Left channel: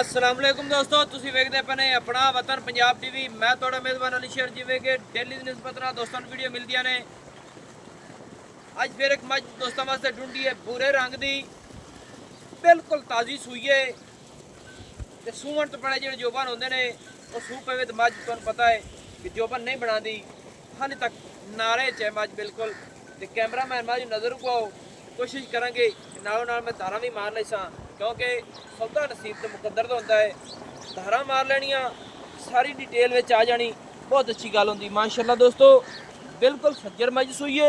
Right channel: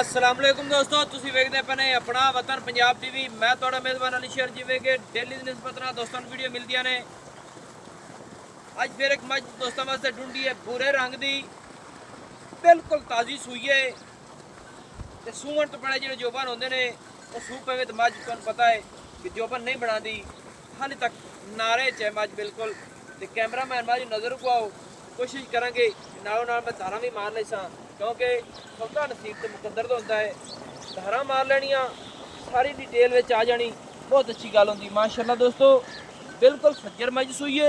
अस्सलाम वालेकुम दोस्तों, ਤੁਸੀਂ ਵੇਖਦੇ ਪਏ ਆਪਣਾ ਵਤਨ ਪੰਜਾਬ ਟੀਵੀ। ਮੈਂ ਤੁਹਾਡਾ ਮੇਜ਼ਬਾਨ ਅਲੀ ਸ਼ੇਰ। ਜਿਵੇਂ ਕਿ ਡੇਲੀ ਦੀ ਨਿਸਬਤ ਨਾਲ ਦੋਸਤਾਂ ਨੂੰ ਵੀਡੀਓ ਮਿਲਦੀਆਂ ਨੇ, ਅੱਜ ਫਿਰ ਇੱਕ ਮੱਝ ਦੋਸਤਾਂ ਵਾਸਤੇ ਢੂੰਢੀ ਹੈ ਭੂਰੇ ਰੰਗ ਦੀ, ਬਿਲਕੁਲ ਤਾਜ਼ੀ ਸੂਈ ਹੈ ਤੇ ਸੂਣ ਤੋਂ ਪਹਿਲੇ ਜਿਹੜੇ ਜੋਬਨ ਹੁੰਦੇ ਨੇ ਉਹ ਸੂ ਪਵੇ ਤੇ ਮੱਝ ਤੁਹਾਨੂੰ ਪਤਾ ਹੈ ਕਿ ਜੋਬਨ ਨਹੀਂ ਬਣਾਉਂਦੀ। ਹਾਲੇ ਤੱਕ ਨਾਰੇ 'ਚ ਹੈ ਮੱਝ ਬਿਲਕੁਲ। ਤੇ ਕੈਮਰਾਮੈਨ ਮੱਝ ਨਜ਼ਰ ਪਾਓ, ਕੋਸ਼ਿਸ਼ ਕਰਾਂਗੇ ਨਾਲੋਂ ਨਾਲ ਮੈਂ ਧਾਰਾਂ ਵੀ ਮਾਰ ਲਈ ਸਾਂ, क्योंकि सौदा नसीब तो मुकद्दर तो होता है। धारा मार लैनियाँ, सारी डिटेल में आ जानी, बहुत अच्छी गल होंगी माशाल्लाह। दोस्तों बिल्कुल सज्जर मज सूई है।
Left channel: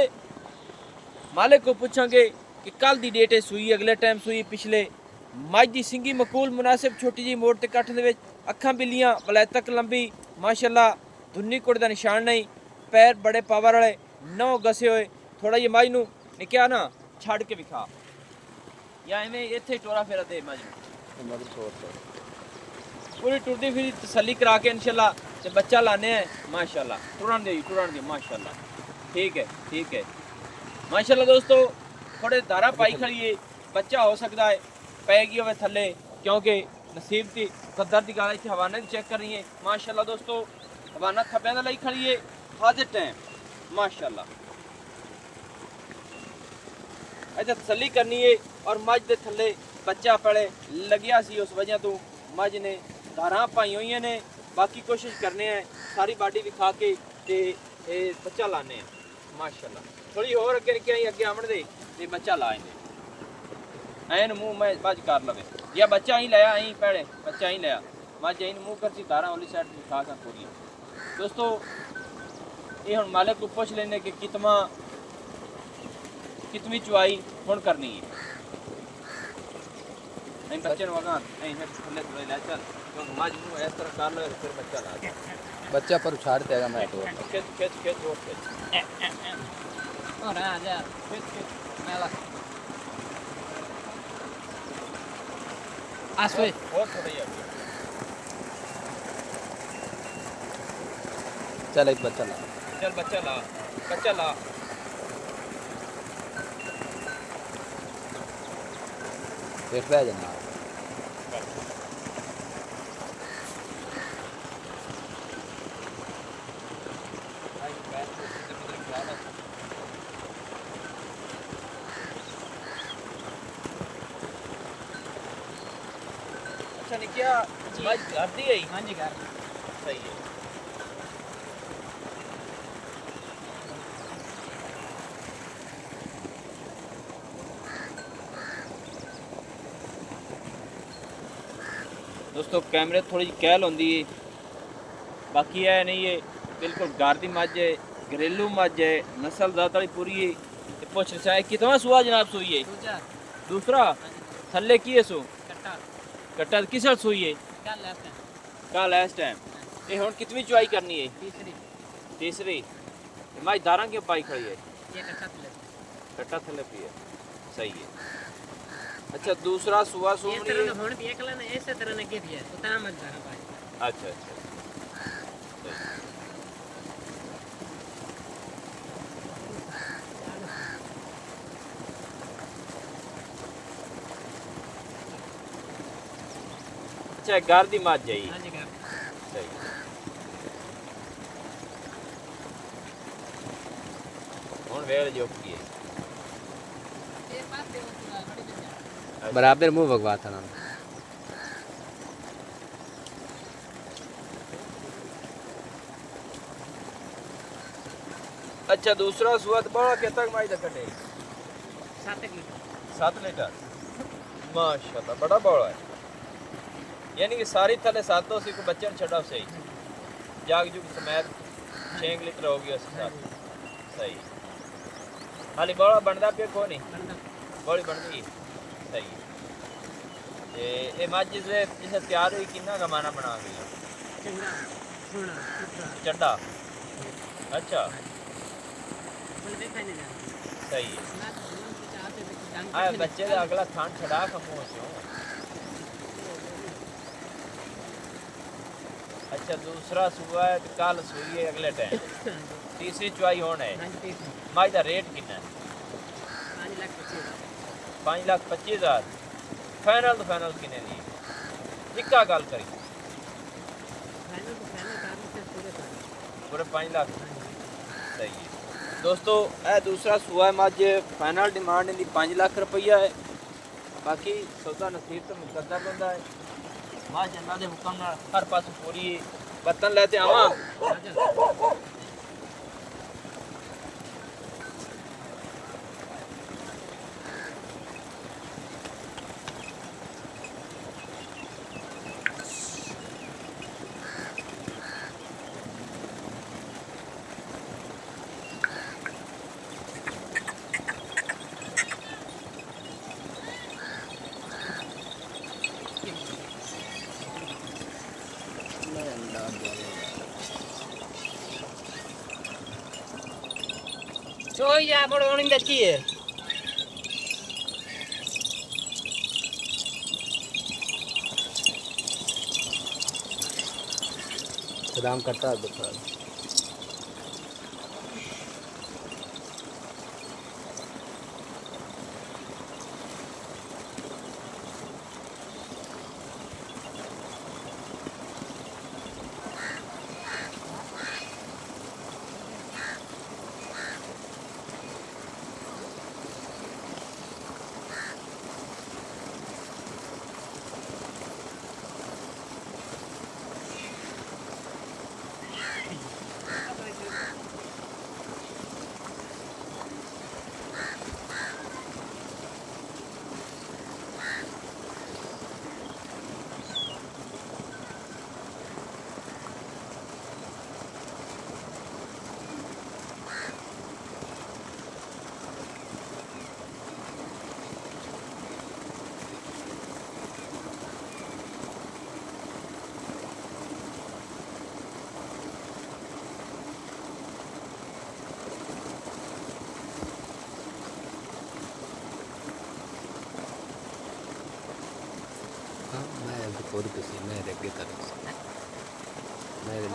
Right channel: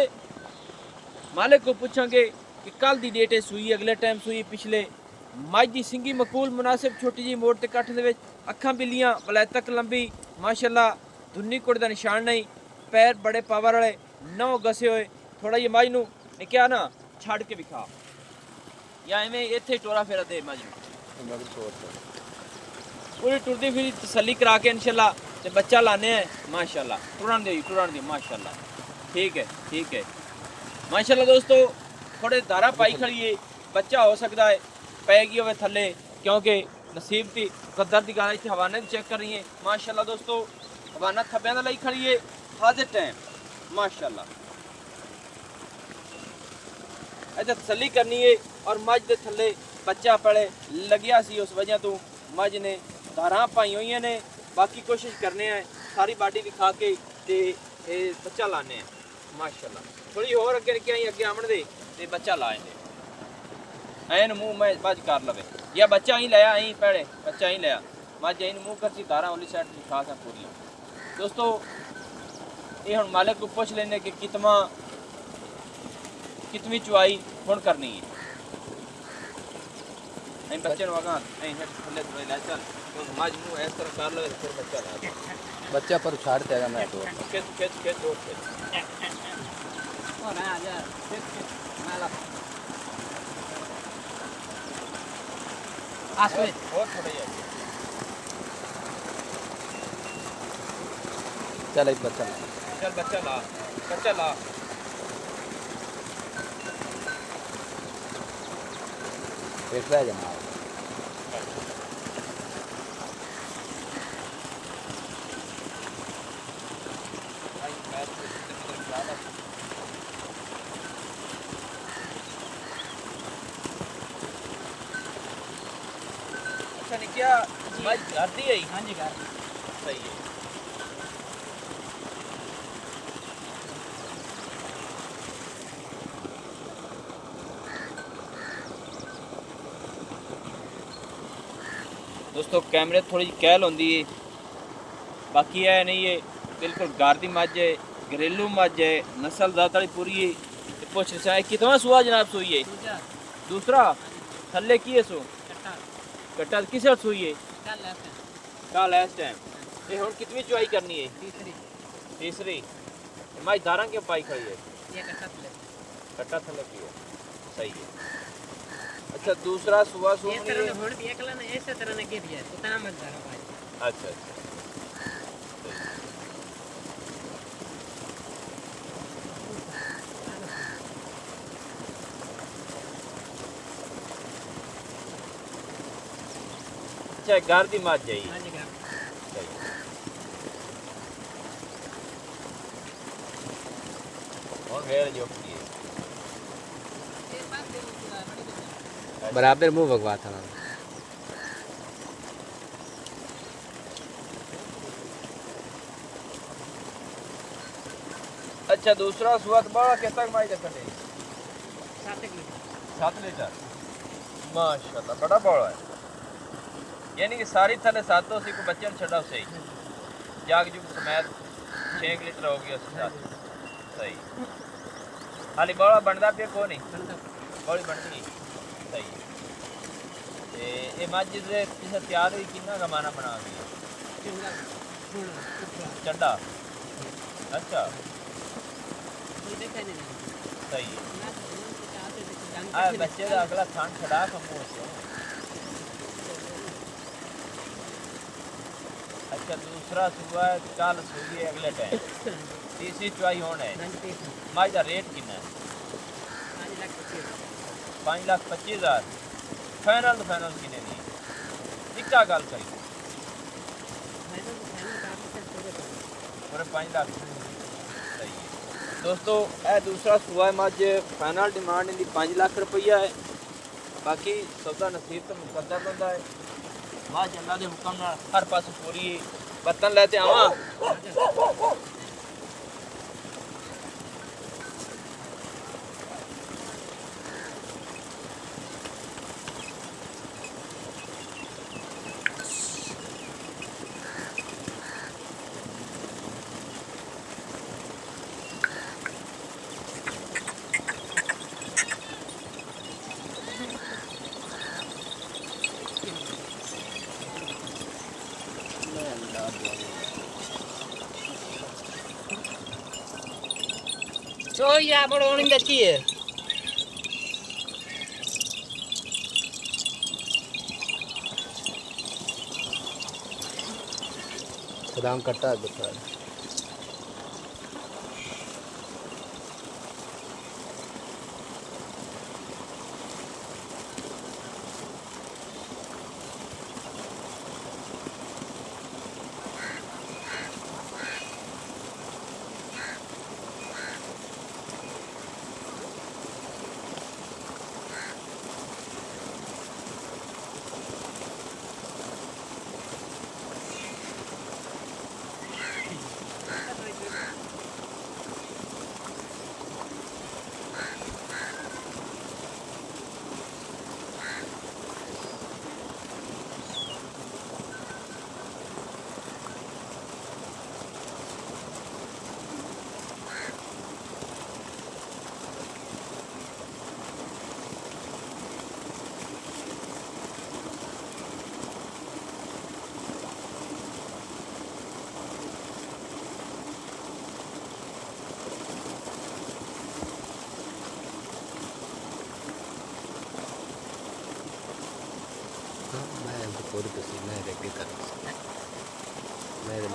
मालिक को पूछांगे कि कल की डेट है सूई, अगले टाइम सूई, पिछले मज की सिंगी मकूल मुनासिब, छोटी जी मोड़ ते कट्ठ दे विच, अखां बिल्लियां, वलैतक लंबी माशाल्लाह, धुन्नी कुड़ दा निशान नहीं, पैर बड़े पावर वाले, नौ गसे हुए। थोड़ा जी मज नूं क्या ना छड़ के विखा या एवें इत्थे टोरा फेरा दे मज मगर तौर से पूरी टुरदी फिर तसल्ली करा के इंशाल्लाह ते बच्चा लाने हैं माशाल्लाह। टुरन दे माशाल्लाह। ठीक है माशाल्लाह। दोस्तों थोड़े दारा पाई खड़ी है, बच्चा हो सकता है पैगी होवे थल्ले, क्योंकि नसीब की कदर की गल इत्थे हवाने चेक कर रही है माशाल्लाह। दोस्तों हवाना थब्बियां दा लई खड़ी है हाजिर टाइम माशाल्लाह। अच्छा तसल्ली करनी है और मझ के थले बच्चा पड़े लग्या सी, उस वजह तो मझ ने धारा पाई हुई ने। बाकी कोशिश करने हैं सारी बाडी भी खा के ते बच्चा लाने हैं माशाल्लाह। थोड़ी और अगे रखी आई अगे आमन दे ते बच्चा लाए ने ऐन मुँह में मझ कर लवे या बच्चा ही लाया अं पहले बच्चा ही लाया मझ अं मुँह कर सी धारा उली साइड खा सा पूरी। दोस्तों ये हम मालिक को पूछ लेने कि कितनी चुआई हुण करनी है। बच्चे वगा थले ले चल मझ नूं इस तरह कर लो फिर बच्चा ला दो। बच्चा पर उछाड़ देगा मैं तो खेत और खेत और आ जा खेत नाला आसवे और थोड़ा ही चल एक बच्चा ला, चल बच्चा ला फिर रह जनाब। अच्छा नहीं क्या मझ घर दी है? हाँ जी घर सही है। दोस्तों कैमरे थोड़ी कहल होंगी है, बाकी है नहीं है बिल्कुल घर की मझ है, घरेलू मझ है, नस्ल ज़्यादा पूरी है। तो पुछ रहा है कितना सुआ जनाब सूई है? दूसरा थल्ले की है सो कट्टा किस सूई है? कल इस टाइम ये हुण कितनी चुआई करनी है? तीसरी मझ दारा क्यों पाई खड़ी है? कट्टा थल्ले की है सही है। अच्छा दूसरा सुआ सूनी इस तरह हुण भी एकला ने इस तरह ने के दिया तो ता मत दारा पाई। अच्छा अच्छा घर दी मझ है। हां जी घर सही हुण वेल जो की है ये पास दे पूरा बड़ी बच्ची बराबर मुंह भगवा था नाम। अच्छा दूसरा सुआ तो बड़ा के तक माई तक नहीं 7 लीटर माशाल्लाह बड़ा बड़ा है, यानी कि सारी थले 7 सी को बच्चे छड़ा सही जाग जुग समेत 6 लीटर हो गया उसका सही। हाली बड़ा बनदा पे को नहीं बनदा बड़ी बनदी सही है। ये मझ जे इसे तैयार हुई कितना कमाना बना गया चंगा होना पुत्रा चंडा। अच्छा बोल देखा नहीं जाता सही है। ना जीवन के चाहते तो जान आ बच्चे का अगला थान छड़ा कमो सो। अच्छा दूसरा सुआ है कल सूई है अगले टाइम तीसरी चुआई होना है। मझ का रेट कितना है? 5,25,000 फाइनल तो फाइनल किने दी का गल करी फाइनल तो फाइनल कर लेते पूरे पर पूरे 5 लाख सही है दोस्तों ਇਹ दूसरा सूआ है मज फाइनल डिमांड इनकी 5 लाख रुपया है बाकी सौदा नसीब तो मुकद्दर बंदा है मज अल्लाह के हुक्म नाल हर पास पूरी बर्तन लेते आवा चो या बड़ ओनी बेची है सदाम कट्टा देखा हाँ मैं तो खुद किसी मैं रेगे करूँ मैं ले तो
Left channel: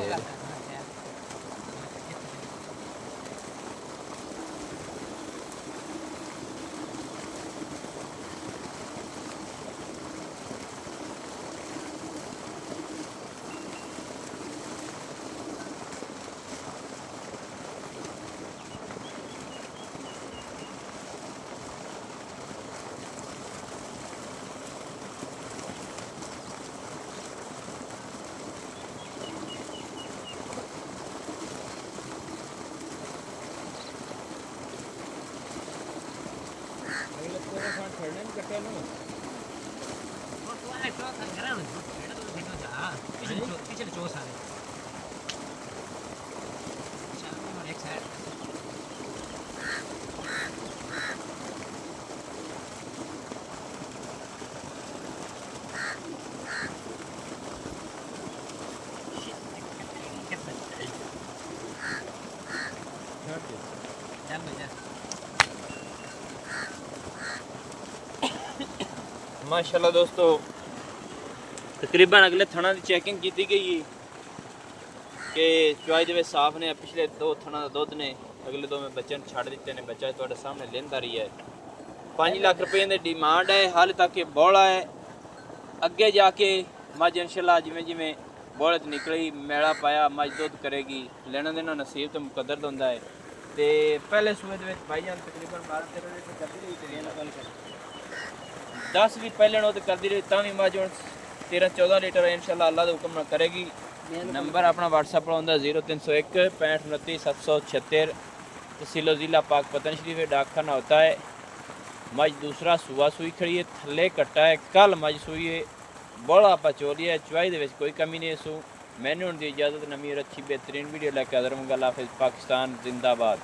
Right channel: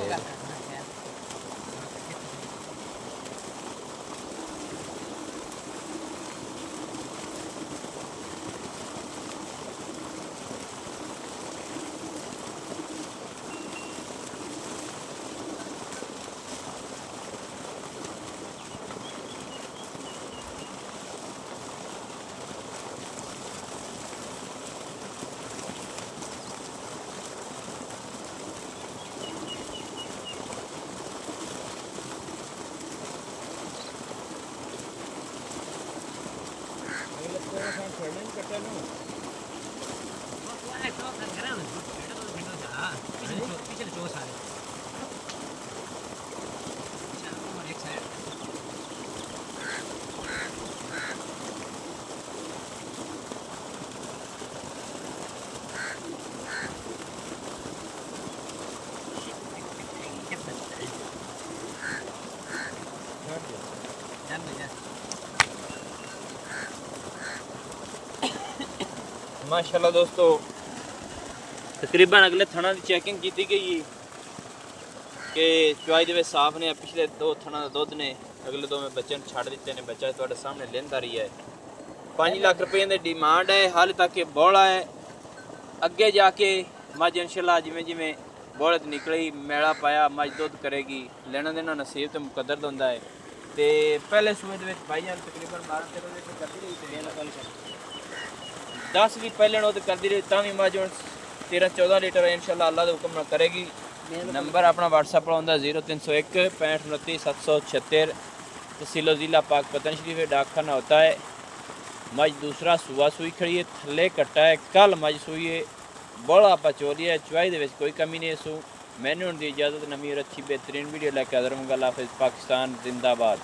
वाले तो कर रहा हूं बेटा तो देखो जा पीछे चो सारे चार को एक साइड चल भैया माशाल्लाह दोस्तों तकरीबन अगले थणा की चैकिंग की गई है कि चुआई दे साफ ने पिछले 2 थणा का दुध ने अगले 2 में बच्चे छड़ दिते ने बच्चा तुहाडे सामने लेंदा रही है 5 लाख रुपए की डिमांड है हाल तक बौला है अगे जाके मज इंशाल्लाह जिमें जिमें बौलत निकली मेला पाया मज दुध करेगी लेना देना नसीब तो मुकद्दर होंदा है ते पहले सूए दे भाईजान तकरीबन 12-13 लीटर करदी रही ते लेना कल 10 भी पहले नो तो करती रही तभी मज हूँ 13-14 लीटर इंशाल्लाह अल्लाह के हुक्म नाल करेगी नंबर अपना व्हाट्सएप पर होंदा 0301 65 29 776 तहसील जिला पाक पतन शरीफ डाकखाना होता है मज दूसरा सुआ सुई खड़ी है थले कट्टा है कल मज सुई है बड़ा पचोलिया है चुआई दे कोई कमी नहीं सू मैंने उनकी इजाज़त नमी और अच्छी बेहतरीन वीडियो लैके हाज़र होंगे। अल्लाह हाफ़िज़। पाकिस्तान जिंदाबाद।